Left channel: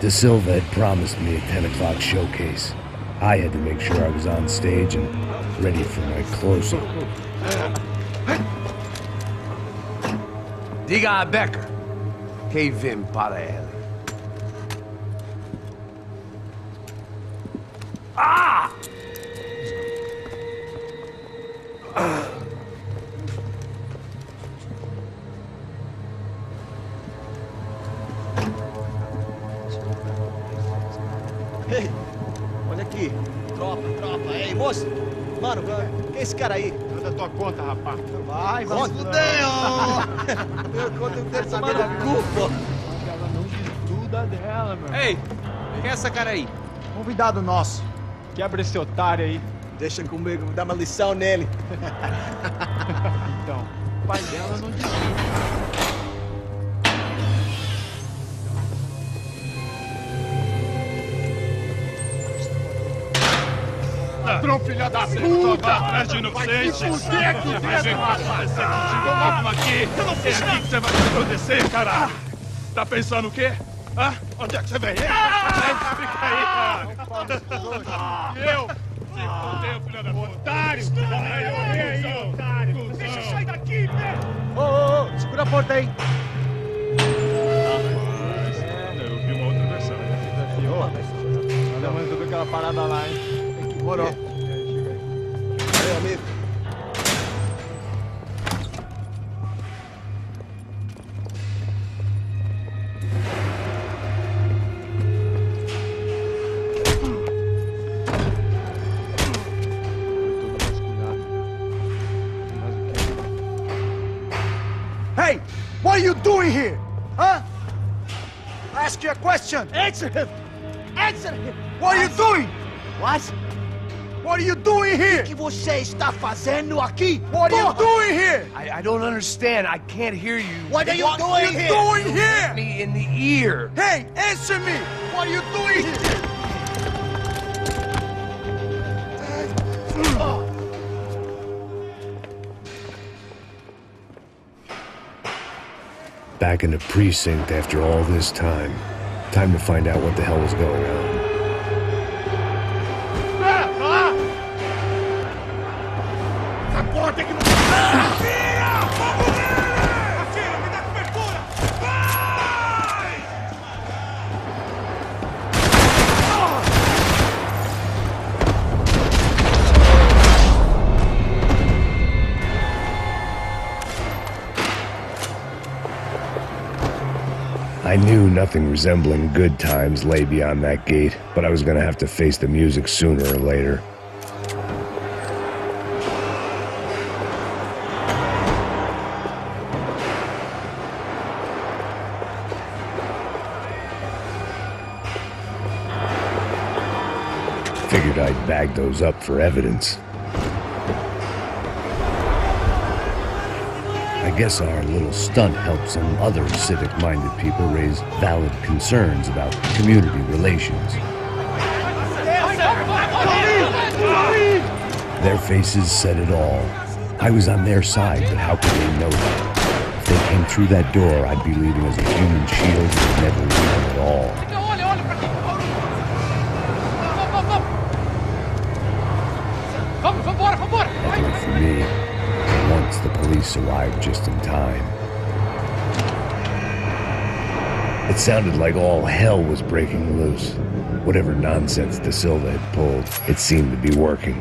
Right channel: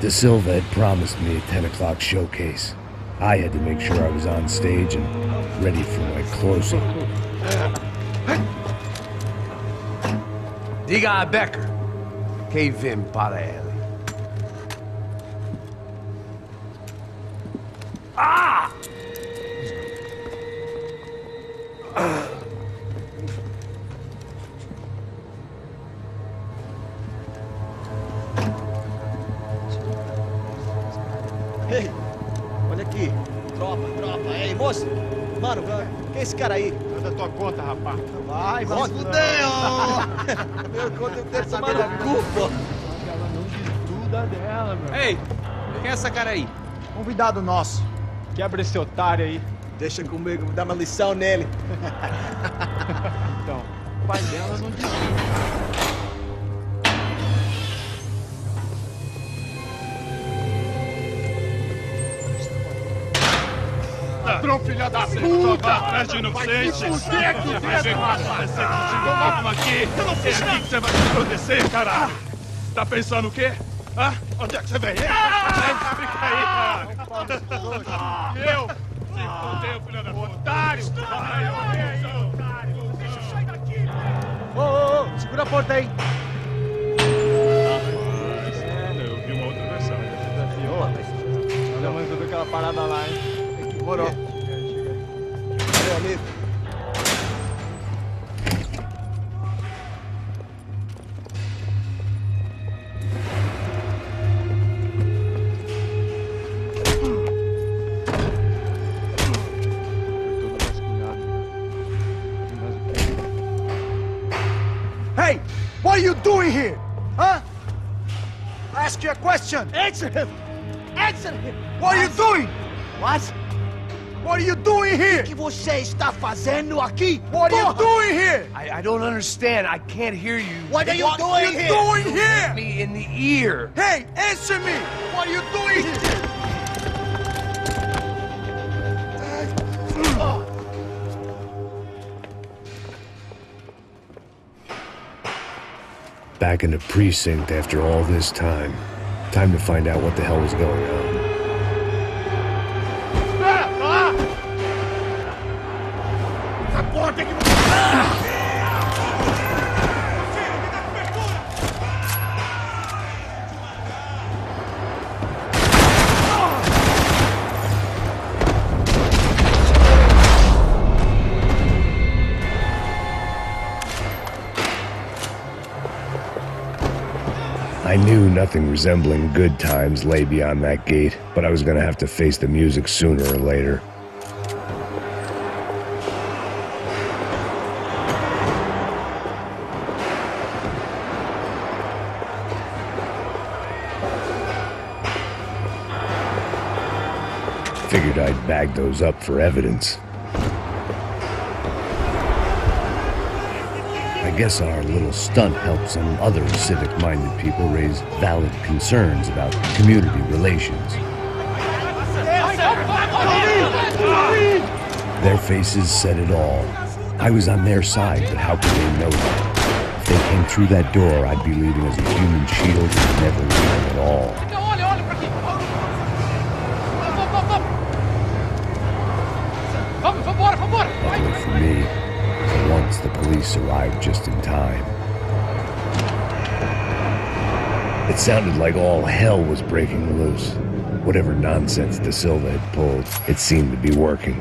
De Silva had promised me a 10 o'clock showcase. I had to make sure I was on stage and ready for my close-up. Diga a Becker que vim para ele. Ah! Ei, olha aqui. Tropa. Ei, moço. Mano, quem é esse cara aí? Manda tua conta, rapaz. Vai fudeu! Meu conta deve tomar no cu, pô. Ela não desgruda dela, meu. Ei, quem é essa cara aí? Convidado nosso. Quebra esse otário aí. Deixa comigo, vou dar uma lição nele. Então, o pai dela não desgruda. Ladrão, filha da puta! Atrás de inocentes! Vai ver como aparecer contigo mesmo aqui! Eu não fiz nada! É aqui que você vai se proteger, cara! Tá pensando o quê? Hã? Onde é que você vem? Fica aí, cara! Eu? Se fodeu, filha da puta! Otário! Vem aí, otário! Deixa eu sair daqui, velho! Ô, segura a porta aí! Eu vi uma outra versão. Você desafiou? Olha, mas tudo aquela parada lá, hein? Demorou. Chega aí. Meu amigo. Foi todo vasculhado. Mas o quê? Hey! What are you doing here? Huh? I ask you a question. Answer him! Answer him! What are you doing? What? What are you doing here? O que você está fazendo aqui? What are you doing here? I don't understand. I can't hear you. What are you What are doing you here? doing Hit here? me in the ear. Hey, answer me! What are you doing here? Back in the precinct after all this time. Time to find out what the hell was going on. I knew nothing resembling good times lay beyond that gate, but I was gonna have to face the music sooner or later. Figured I'd bag those up for evidence. I guess our little stunt helped some other civic-minded people raise valid concerns about community relations. Their faces said it all. I was on their side, but how could they know that? If they came through that door, I'd be leaving as a human shield and never leaving at all. Luckily for me, for once the police arrived just in time. It sounded like all hell was breaking loose. Whatever nonsense De Silva had pulled, it seemed to be working.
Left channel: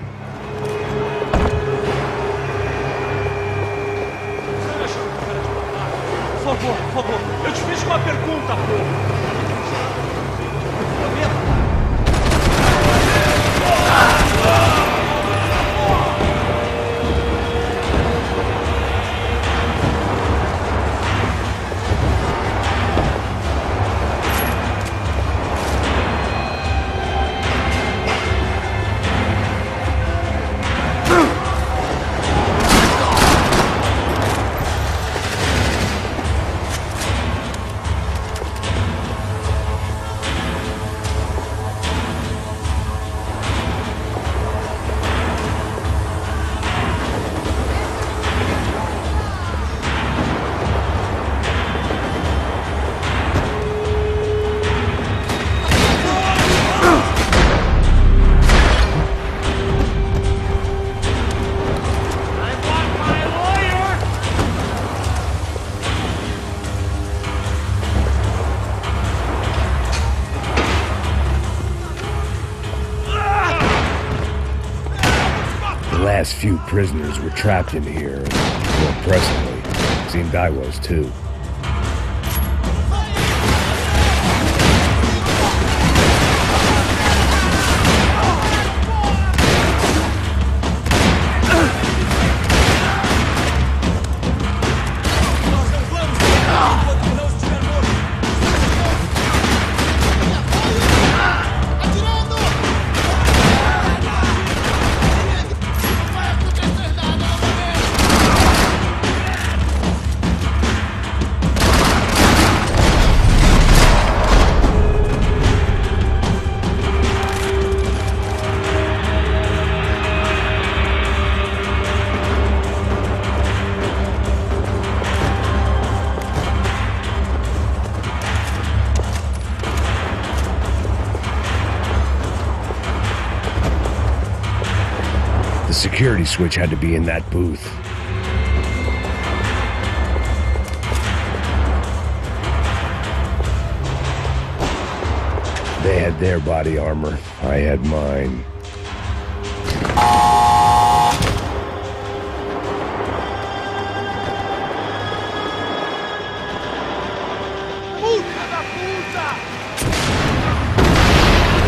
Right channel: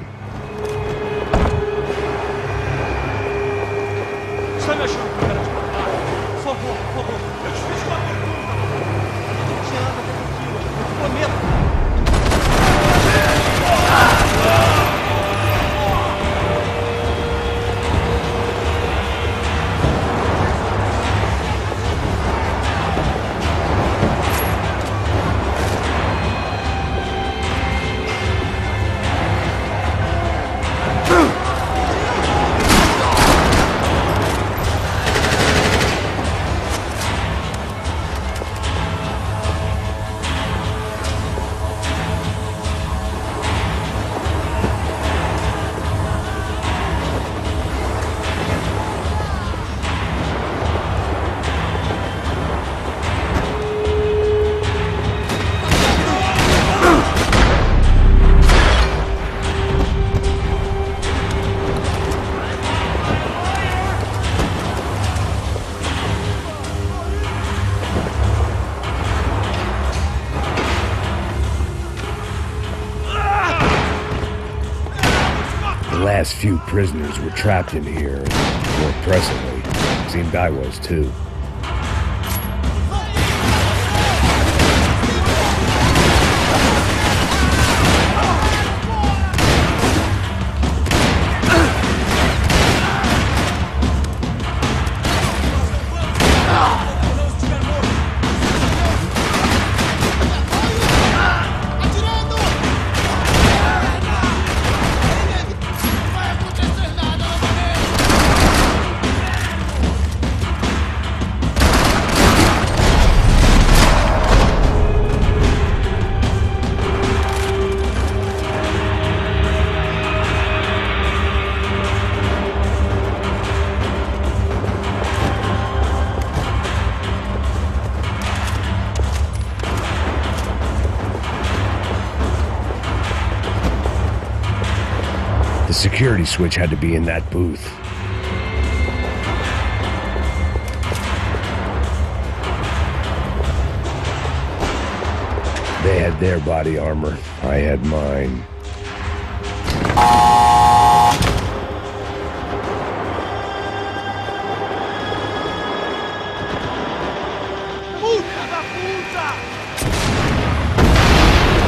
Por favor. Eu te fiz uma pergunta, pô. A gente não tinha nada contigo. Eu prometo, cara. The last few prisoners were trapped in here, and more pressingly, seemed I was too. The security switch had to be in that booth. They had their body armor. I had mine.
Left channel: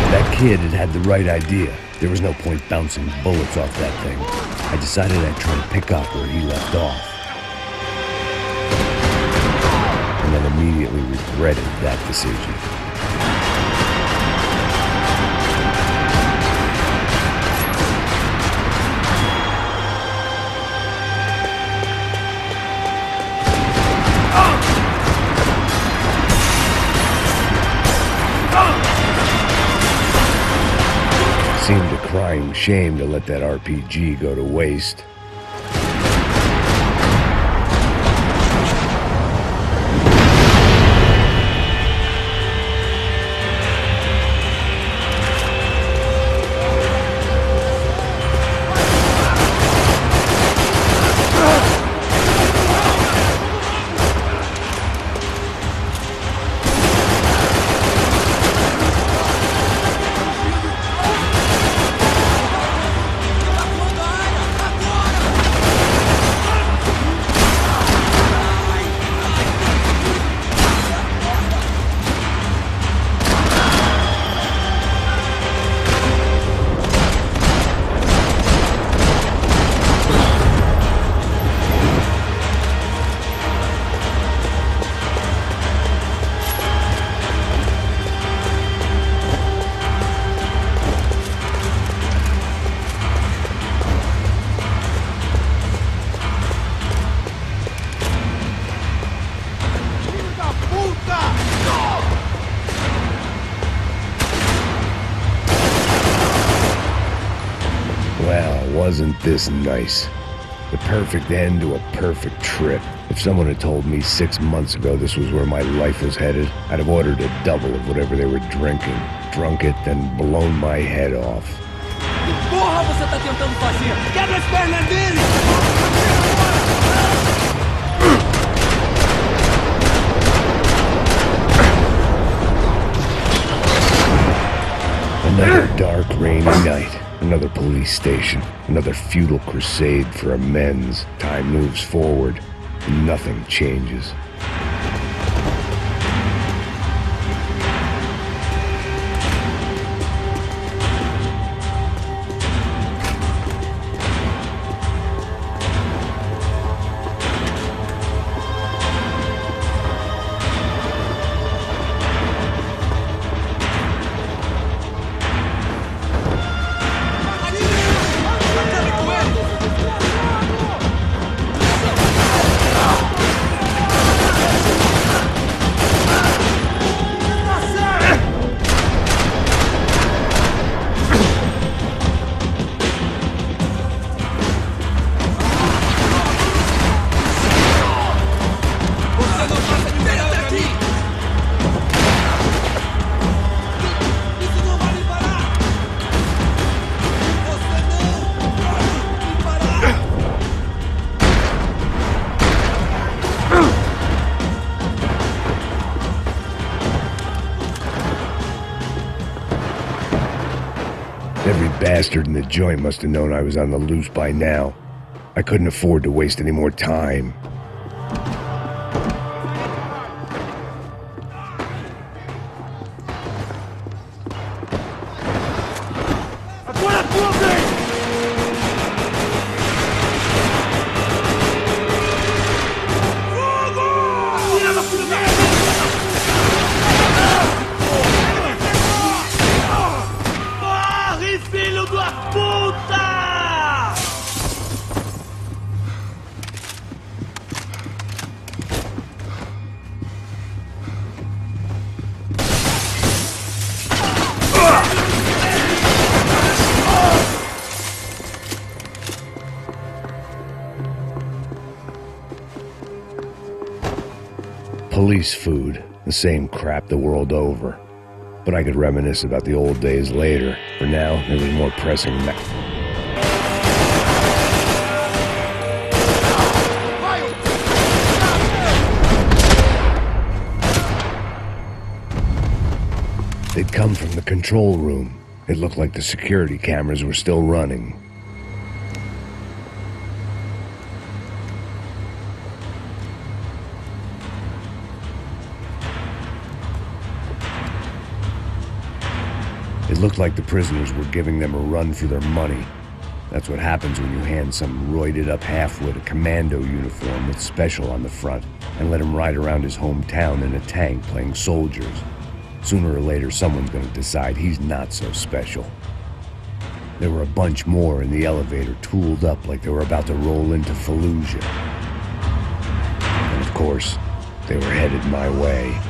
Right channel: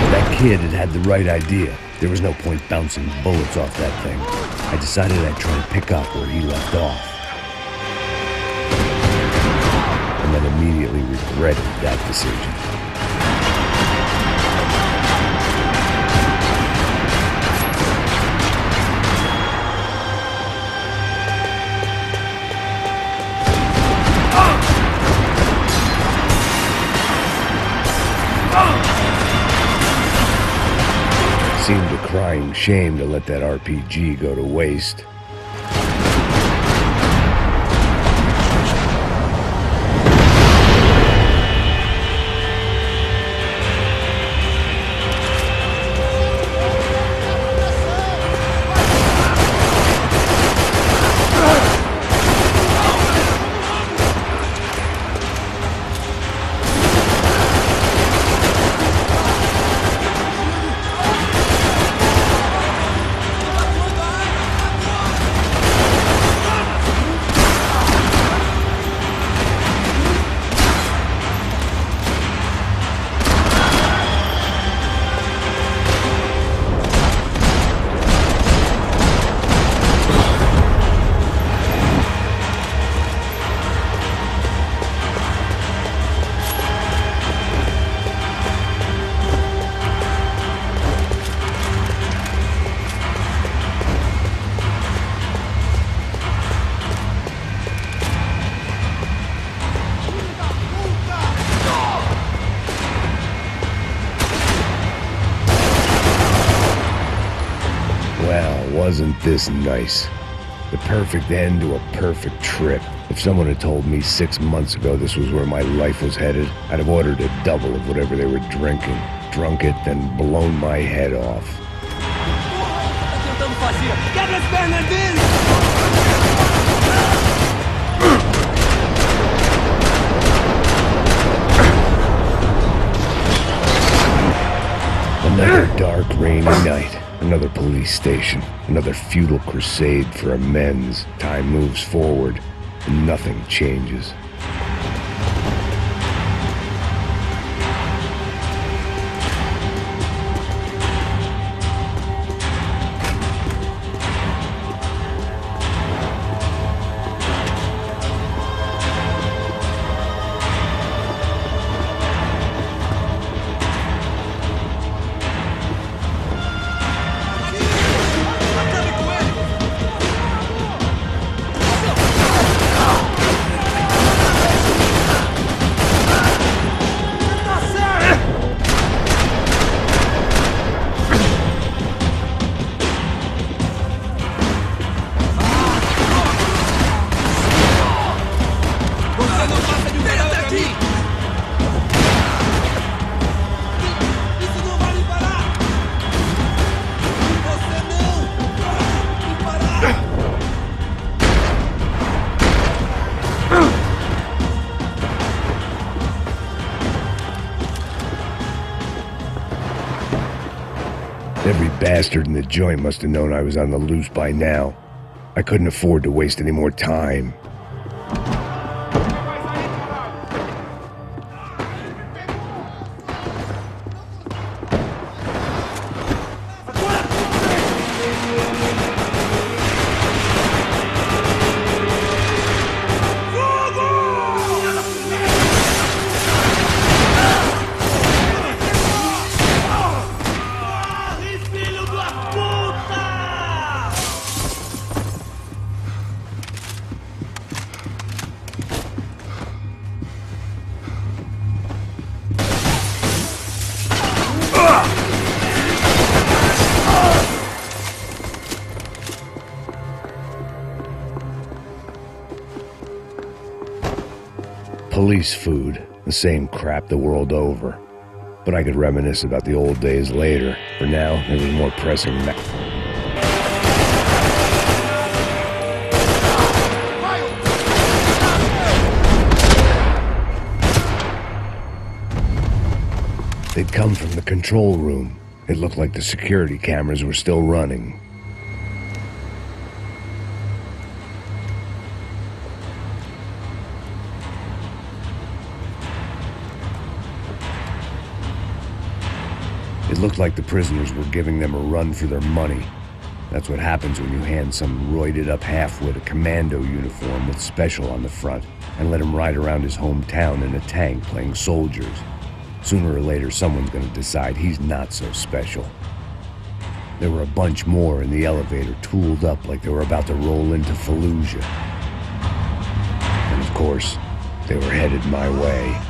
That kid had the right idea. There was no point bouncing bullets off that thing. I decided I'd try to pick up where he left off. And then immediately regretted that decision. Seemed a crying shame to let that RPG go to waste. Well, wasn't this nice? The perfect end to a perfect trip. If someone had told me 6 months ago this was where my life was headed, I'd have ordered a double of whatever they were drinking, drunk it, then blown my head off. Porra, você tá tentando fazer? Quebra as pernas dele! Another dark, rainy night. Another police station. Another futile crusade for amends. Time moves forward, and nothing changes. Every bastard in the joint must have known I was on the loose by now. I couldn't afford to waste any more time. Police food, the same crap the world over. But I could reminisce about the old days later. For now, there was more pressing They'd come from the control room. It looked like the security cameras were still running. It looked like the prisoners were giving them a run for their money. That's what happens when you hand some roided-up halfwit a commando uniform with special on the front and let him ride around his hometown in a tank playing soldiers. Sooner or later, someone's gonna decide he's not so special. There were a bunch more in the elevator, tooled up like they were about to roll into Fallujah. And of course, they were headed my way.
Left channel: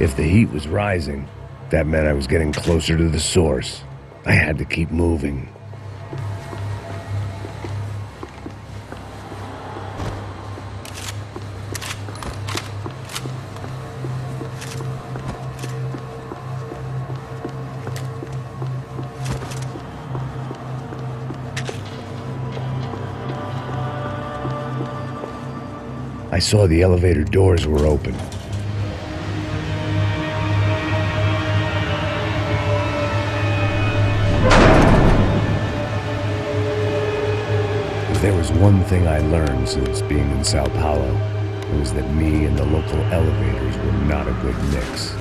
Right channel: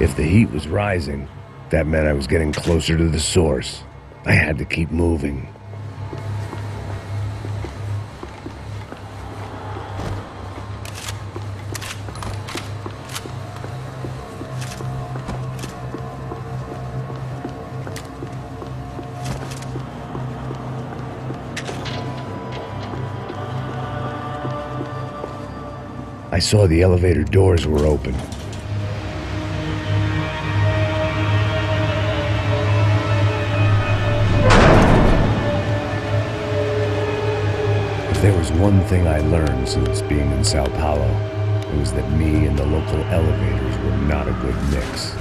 If the heat was rising, that meant I was getting closer to the source. I had to keep moving. I saw the elevator doors were open. If there was one thing I learned since being in Sao Paulo, it was that me and the local elevators were not a good mix.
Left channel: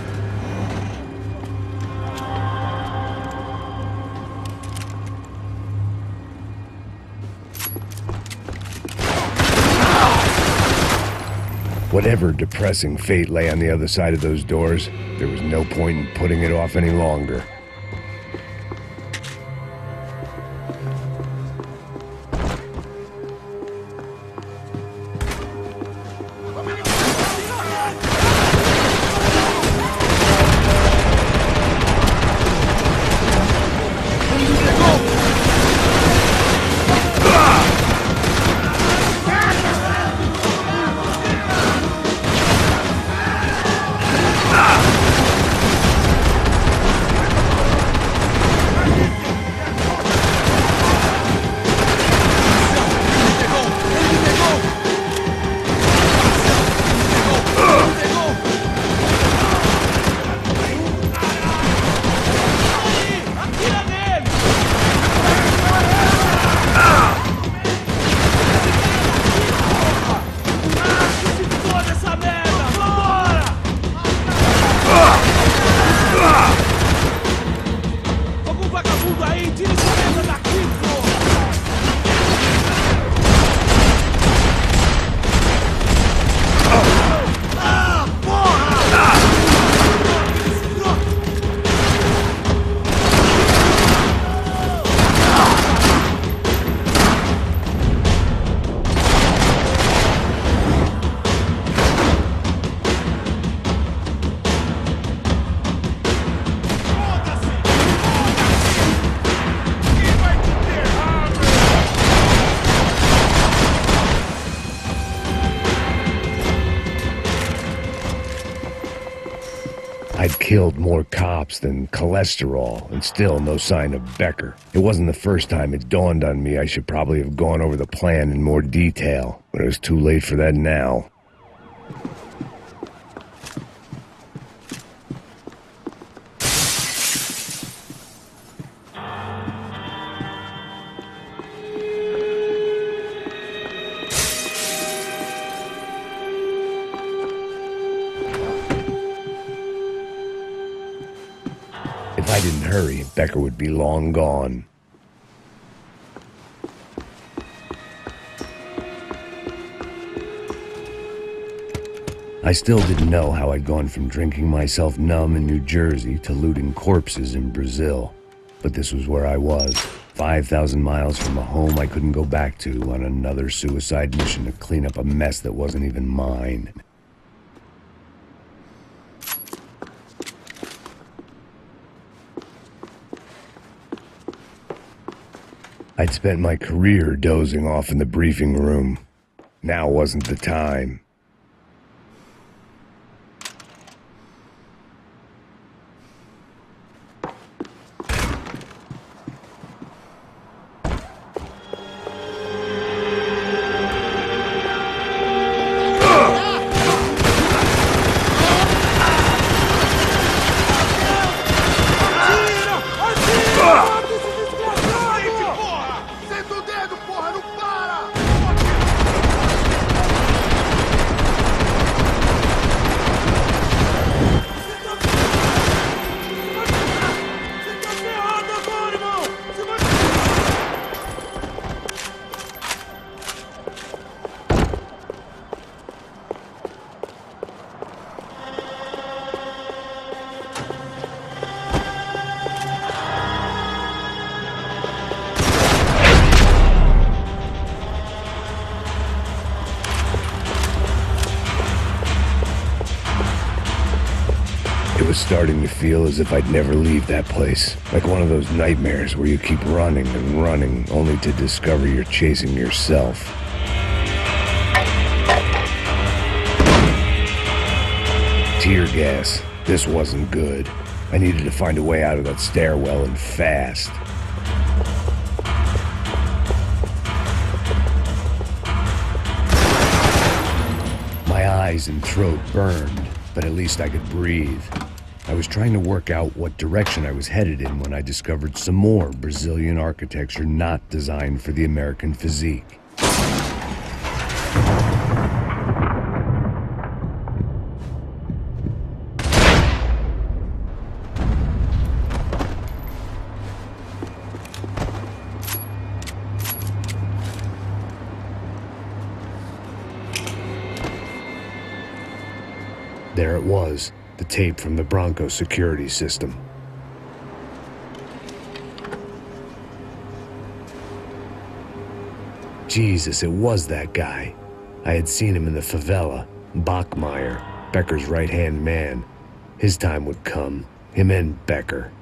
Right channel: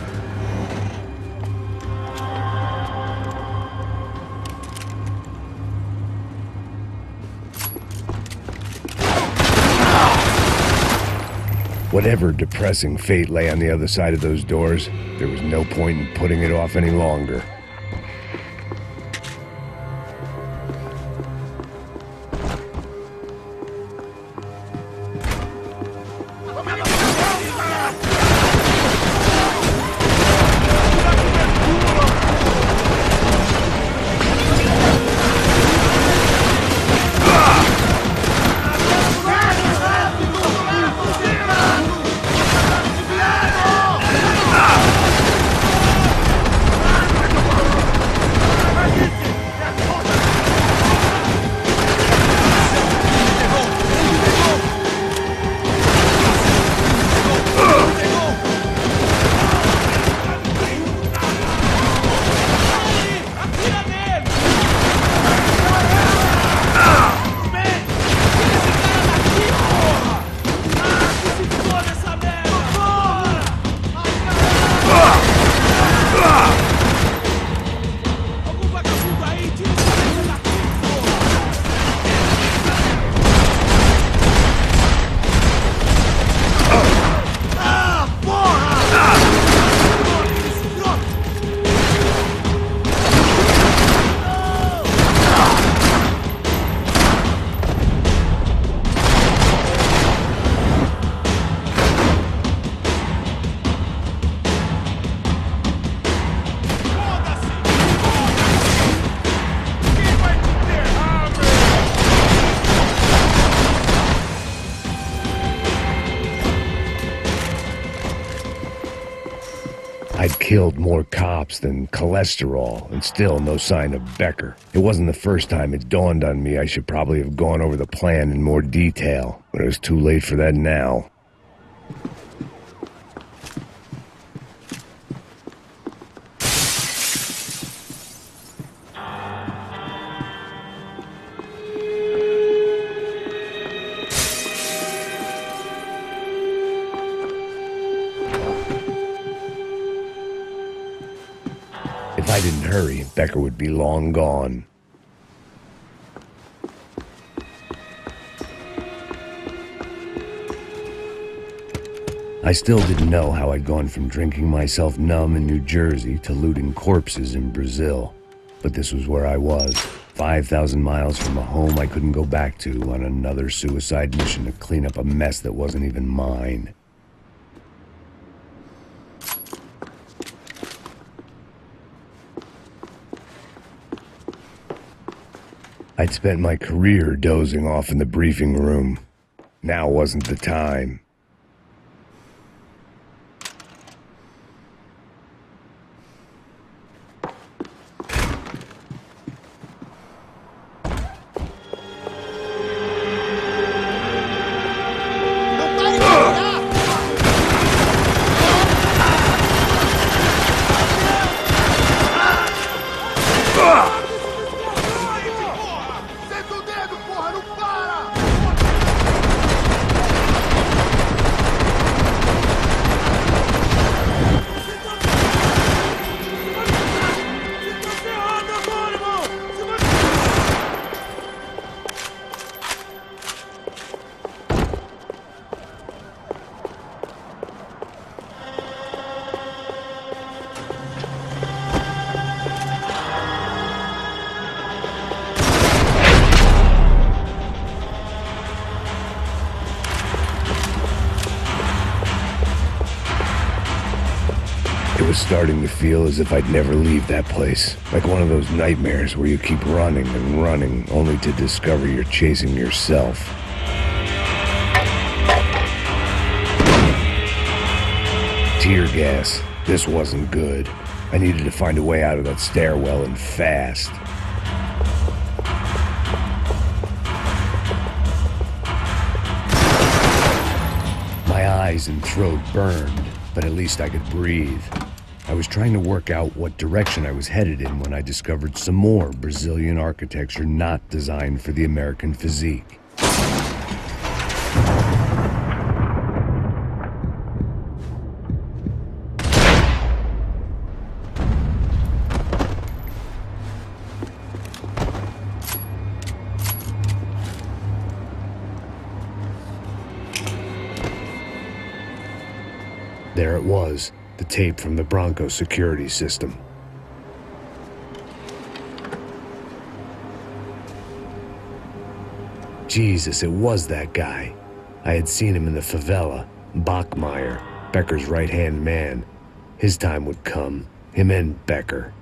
Whatever depressing fate lay on the other side of those doors, there was no point in putting it off any longer. I'd killed more cops than cholesterol, and still no sign of Becker. It wasn't the first time it dawned on me I should probably have gone over the plan in more detail, but it was too late for that now. If I didn't hurry, Becker would be long gone. I still didn't know how I'd gone from drinking myself numb in New Jersey to looting corpses in Brazil. But this was where I was, 5,000 miles from a home I couldn't go back to, on another suicide mission to clean up a mess that wasn't even mine. I'd spent my career dozing off in the briefing room. Now wasn't the time. It was starting to feel as if I'd never leave that place. Like one of those nightmares where you keep running and running, only to discover you're chasing yourself. Tear gas. This wasn't good. I needed to find a way out of that stairwell, and fast. My eyes and throat burned, but at least I could breathe. I was trying to work out what direction I was headed in when I discovered some more Brazilian architecture not designed for the American physique. There it was, the tape from the Branco security system. Jesus, it was that guy. I had seen him in the favela, Bachmeyer, Becker's right-hand man. His time would come, him and Becker.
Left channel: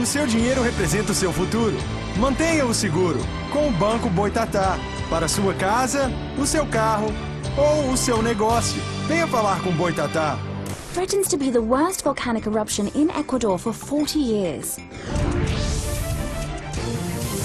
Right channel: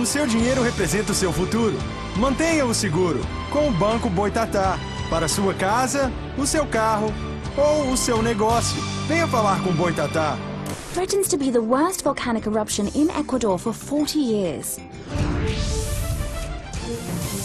O seu dinheiro representa o seu futuro. Mantenha-o seguro com o Banco Boitatá. Para sua casa, o seu carro ou o seu negócio. Venha falar com o Boitatá. Threatens to be the worst volcanic eruption in Ecuador for 40 years.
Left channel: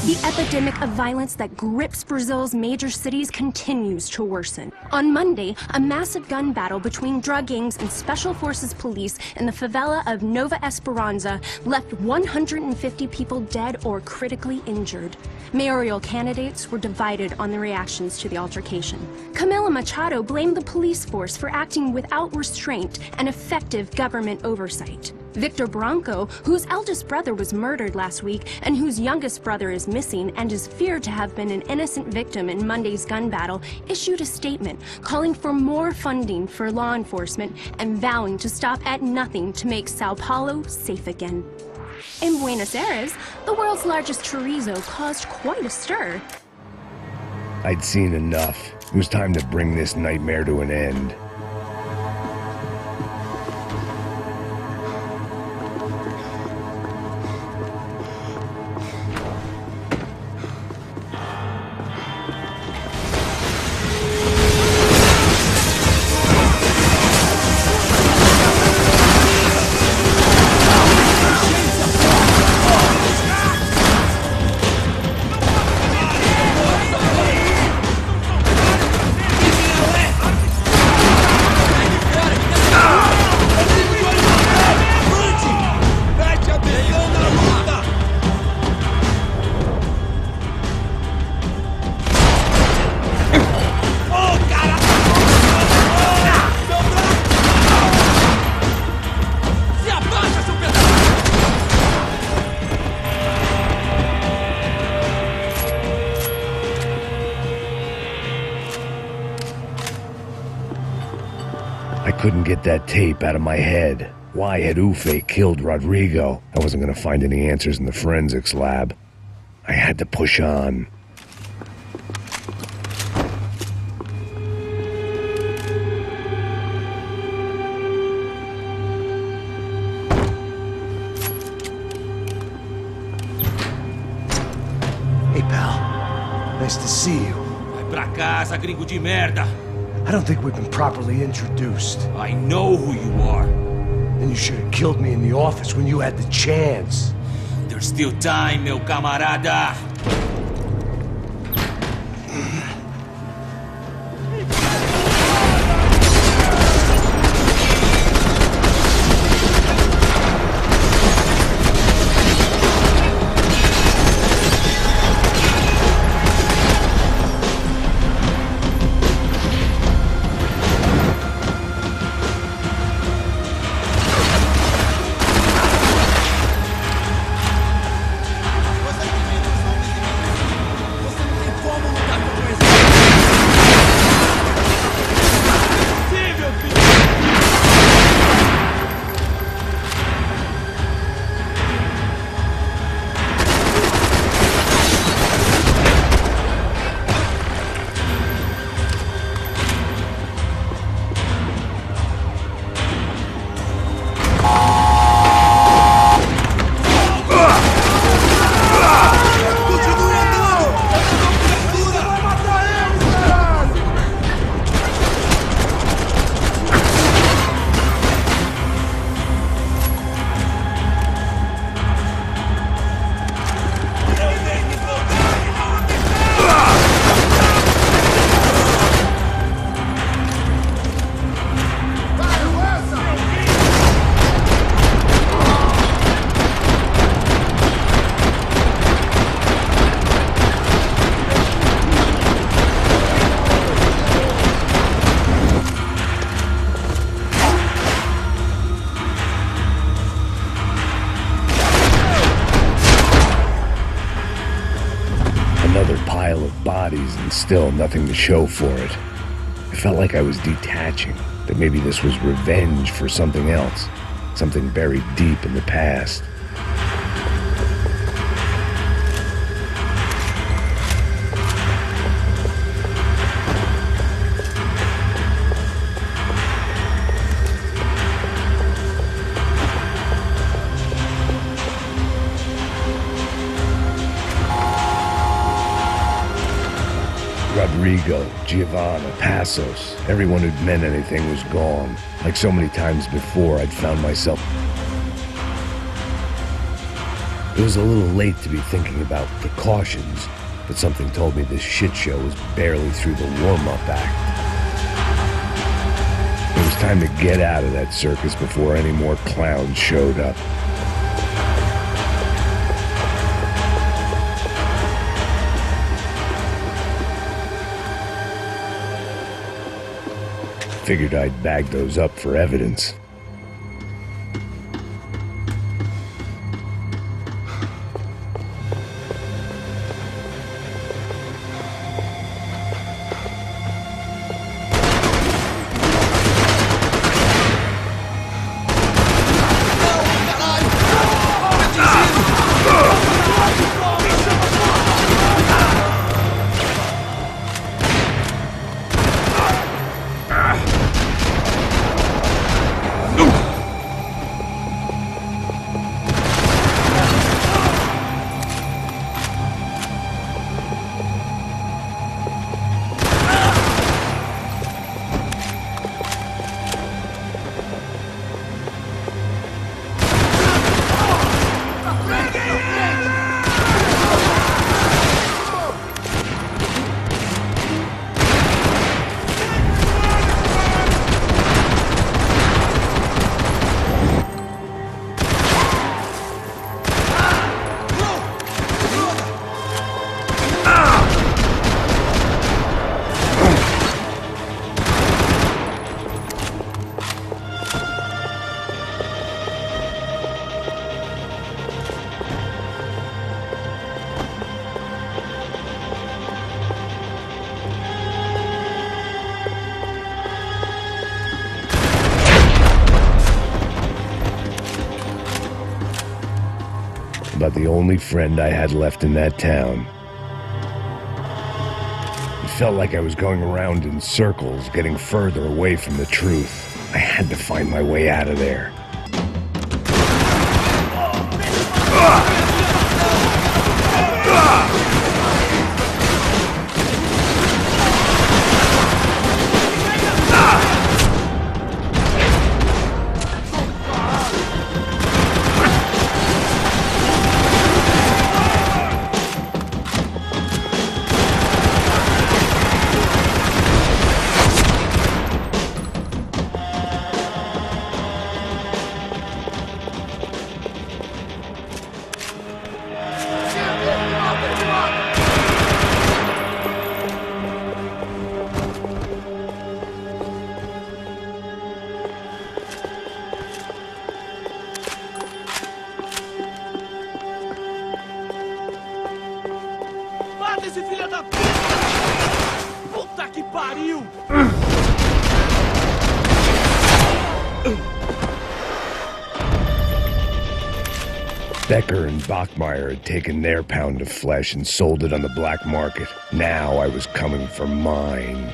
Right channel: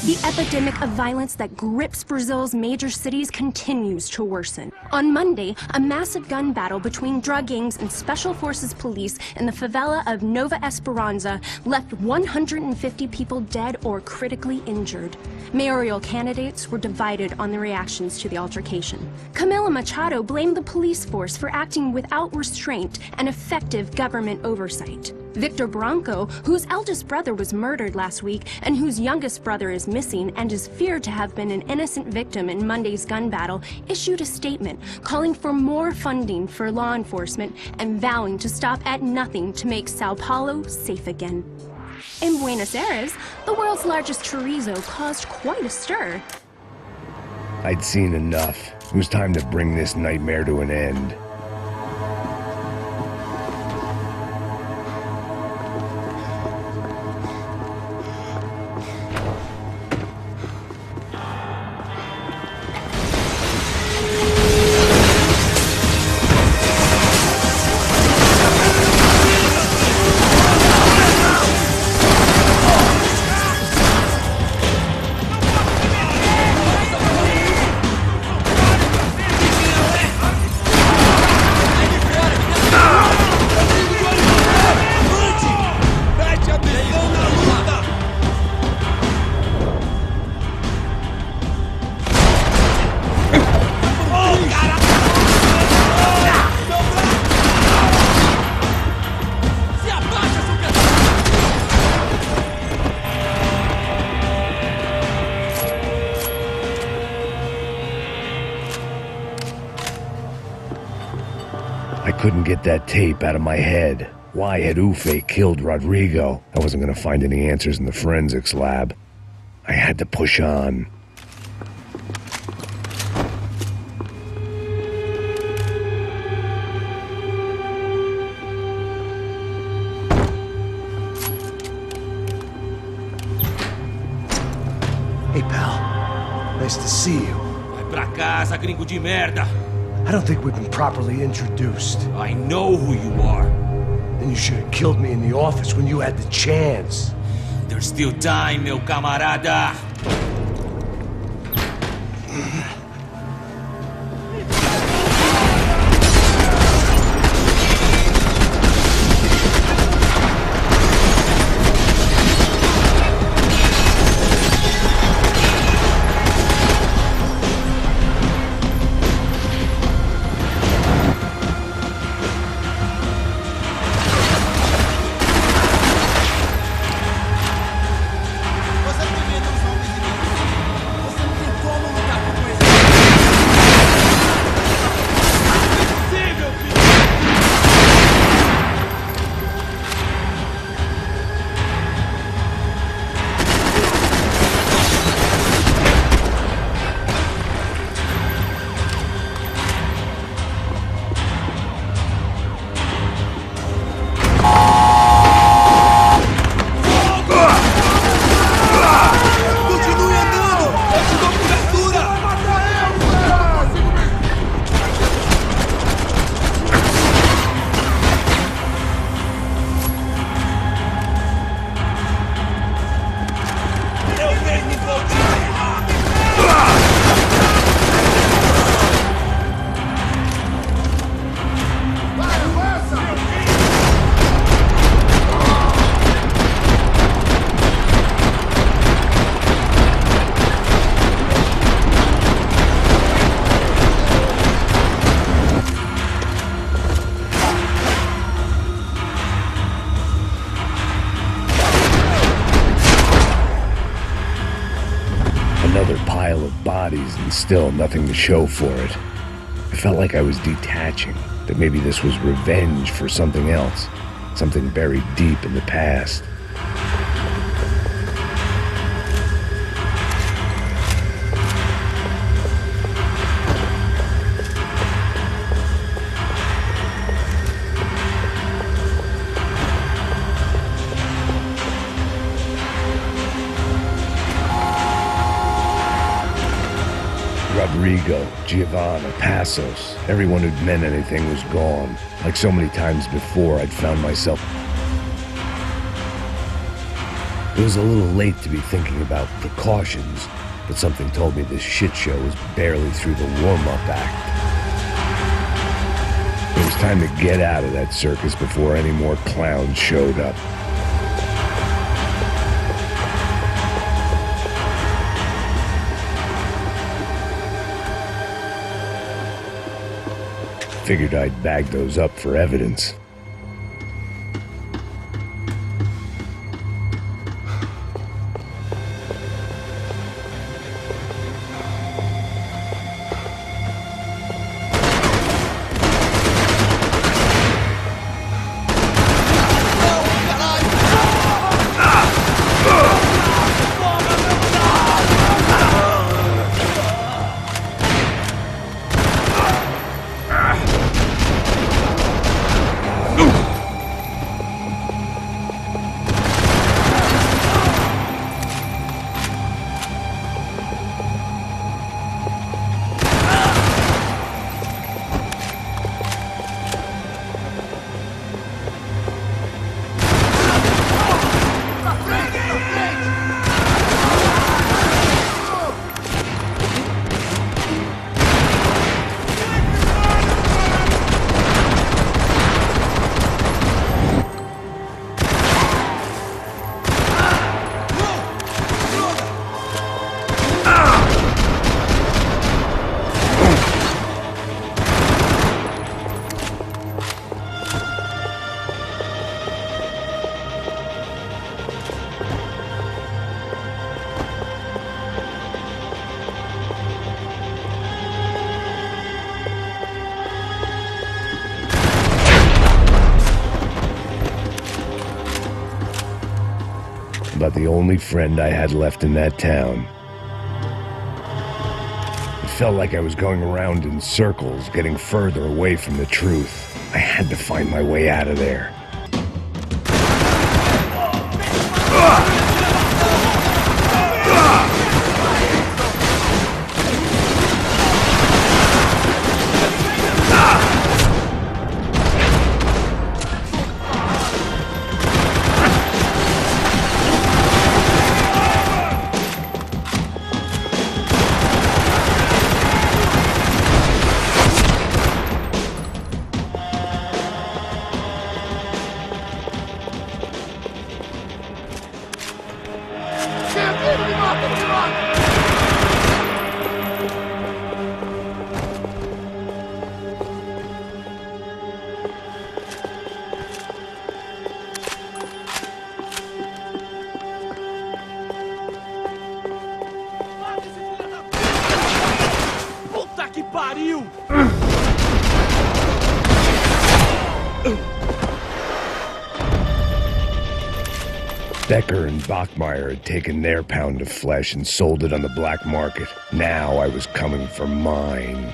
The epidemic of violence that grips Brazil's major cities continues to worsen. On Monday, a massive gun battle between drug gangs and special forces police in the favela of Nova Esperança left 150 people dead or critically injured. Mayoral candidates were divided on the reactions to the altercation. Camila Machado blamed the police force for acting without restraint and effective government oversight. Victor Branco, whose eldest brother was murdered last week and whose youngest brother is missing and is feared to have been an innocent victim in Monday's gun battle, issued a statement calling for more funding for law enforcement and vowing to stop at nothing to make Sao Paulo safe again. In Buenos Aires, the world's largest chorizo caused quite a stir. I'd seen enough. It was time to bring this nightmare to an end. I couldn't get that tape out of my head. Why had Ufe killed Rodrigo? I wasn't going to find any answers in the forensics lab. I had to push on. Hey, pal. Nice to see you. Vai pra casa, gringo de merda. I don't think we've been properly introduced. I know who you are. Then you should have killed me in the office when you had the chance. There's still time, meu camarada. Another pile of bodies and still nothing to show for it. I felt like I was detaching, that maybe this was revenge for something else, something buried deep in the past. Rodrigo, Giovanna, Passos, everyone who'd meant anything was gone. Like so many times before, I'd found myself... It was a little late to be thinking about precautions, but something told me this shit show was barely through the warm-up act. It was time to get out of that circus before any more clowns showed up. Figured I'd bag those up for evidence. about the only friend I had left in that town. It felt like I was going around in circles, getting further away from the truth. I had to find my way out of there. Esse filho da puta! Puta que pariu! Becker and Bachmeyer had taken their pound of flesh and sold it on the black market. Now I was coming for mine.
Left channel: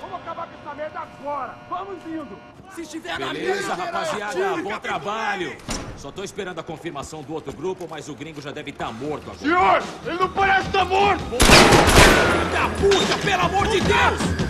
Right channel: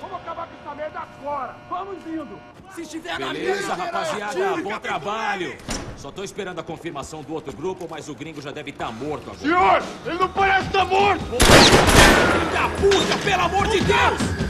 Vamos acabar com essa merda agora! Vamos indo! Se estiver na mesa... Beleza, rapaziada, bom trabalho! Só tô esperando a confirmação do outro grupo, mas o gringo já deve estar morto agora. Senhor! Ele não parece estar morto! Filho da puta, pelo amor de Deus!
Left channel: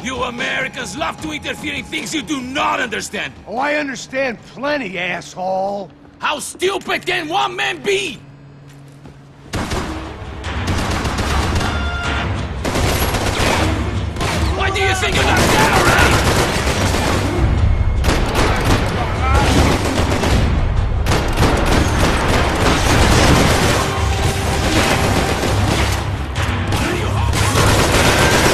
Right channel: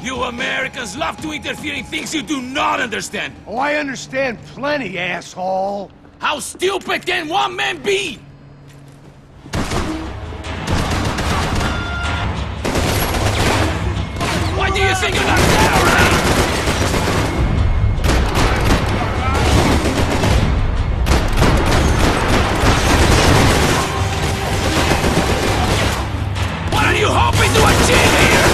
You Americans love to interfere in things you do not understand. Oh, I understand plenty, asshole. How stupid can one man be? Why do you think you're not dead already? What are you hoping to achieve here?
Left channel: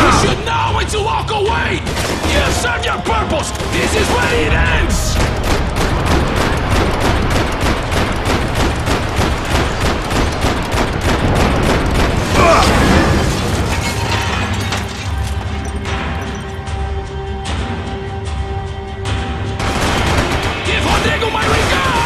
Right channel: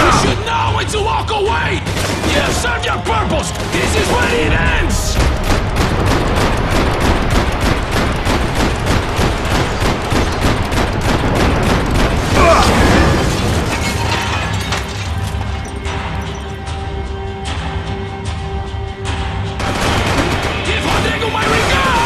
You should know when to walk away! You've served your purpose! This is when it ends! Give Rodrigo my regards!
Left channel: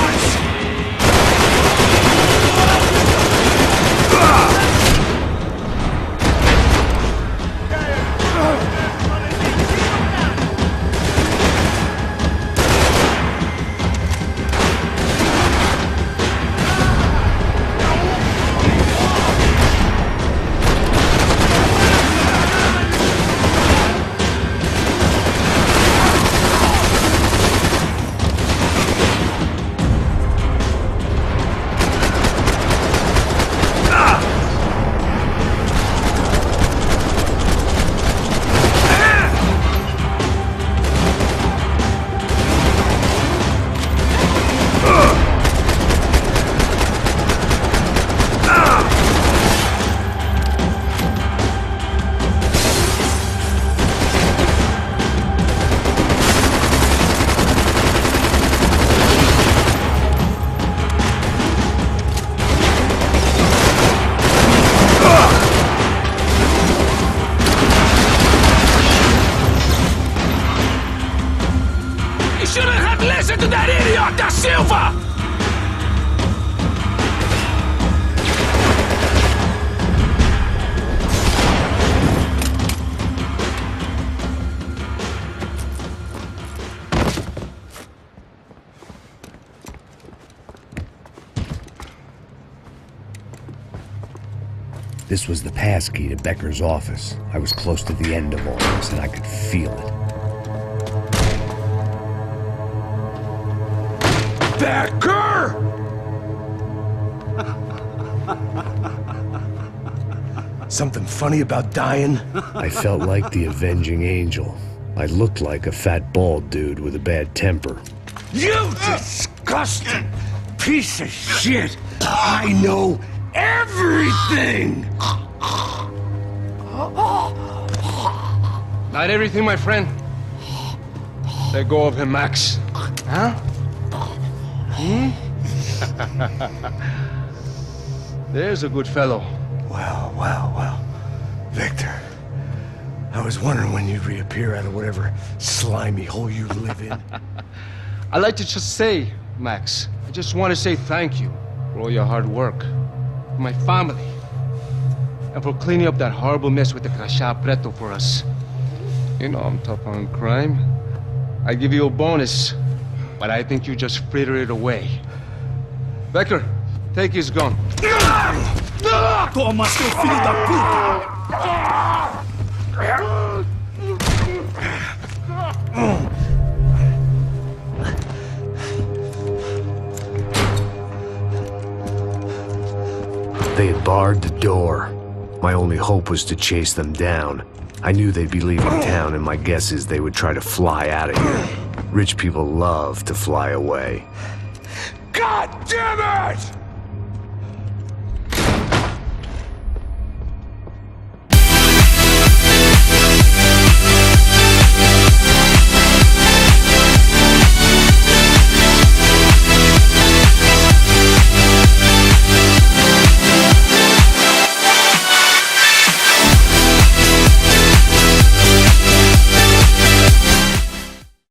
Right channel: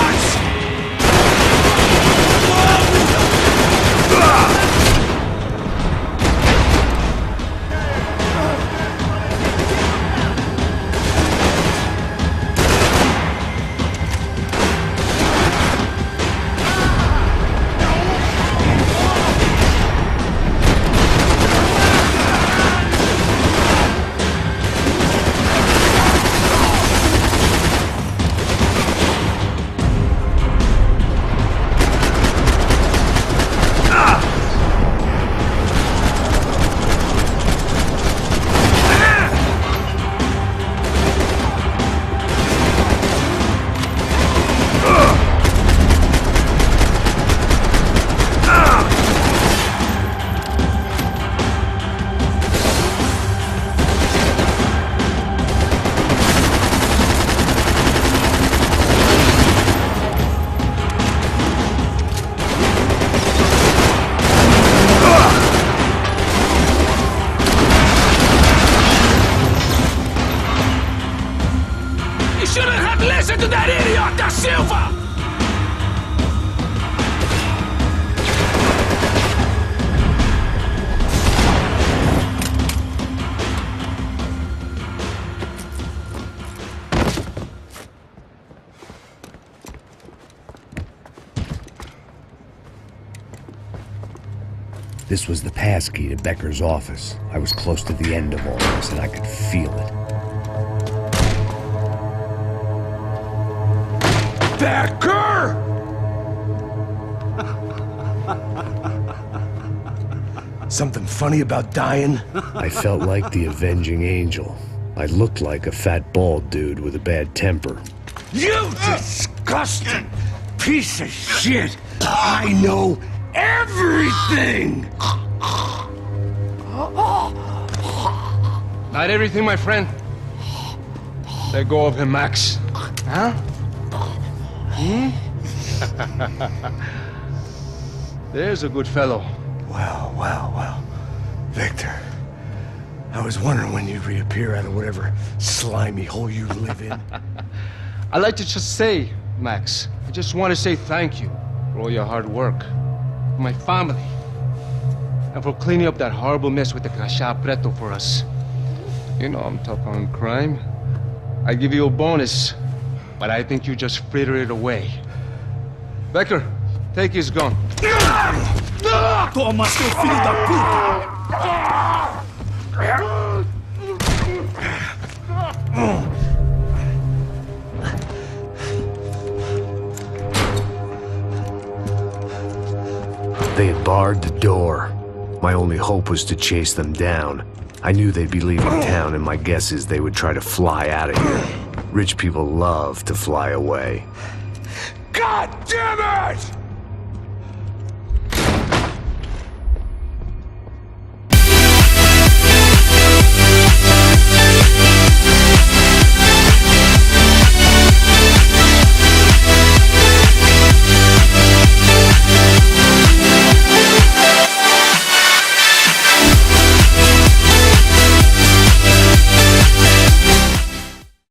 Senor da Silva! This was the passkey to Becker's office. I was close to the end of all this, and I could feel it. Becker! Something funny about dying? I felt like the avenging angel. I looked like a fat bald dude with a bad temper. You disgusting piece of shit! I know everything! Not everything, my friend. Let go of him, Max. Huh? There's a good fellow. Well. Victor, I was wondering when you'd reappear out of whatever slimy hole you live in. I'd like to just say, Max, I just want to say thank you for all your hard work, for my family, and for cleaning up that horrible mess with the Crachá Preto for us. You know I'm tough on crime. I give you a bonus, but I think you just fritter it away. Becker, take his gun. Toma, seu filho da puta! They had barred the door. My only hope was to chase them down. I knew they'd be leaving town, and my guess is they would try to fly out of here. Rich people love to fly away. God damn it!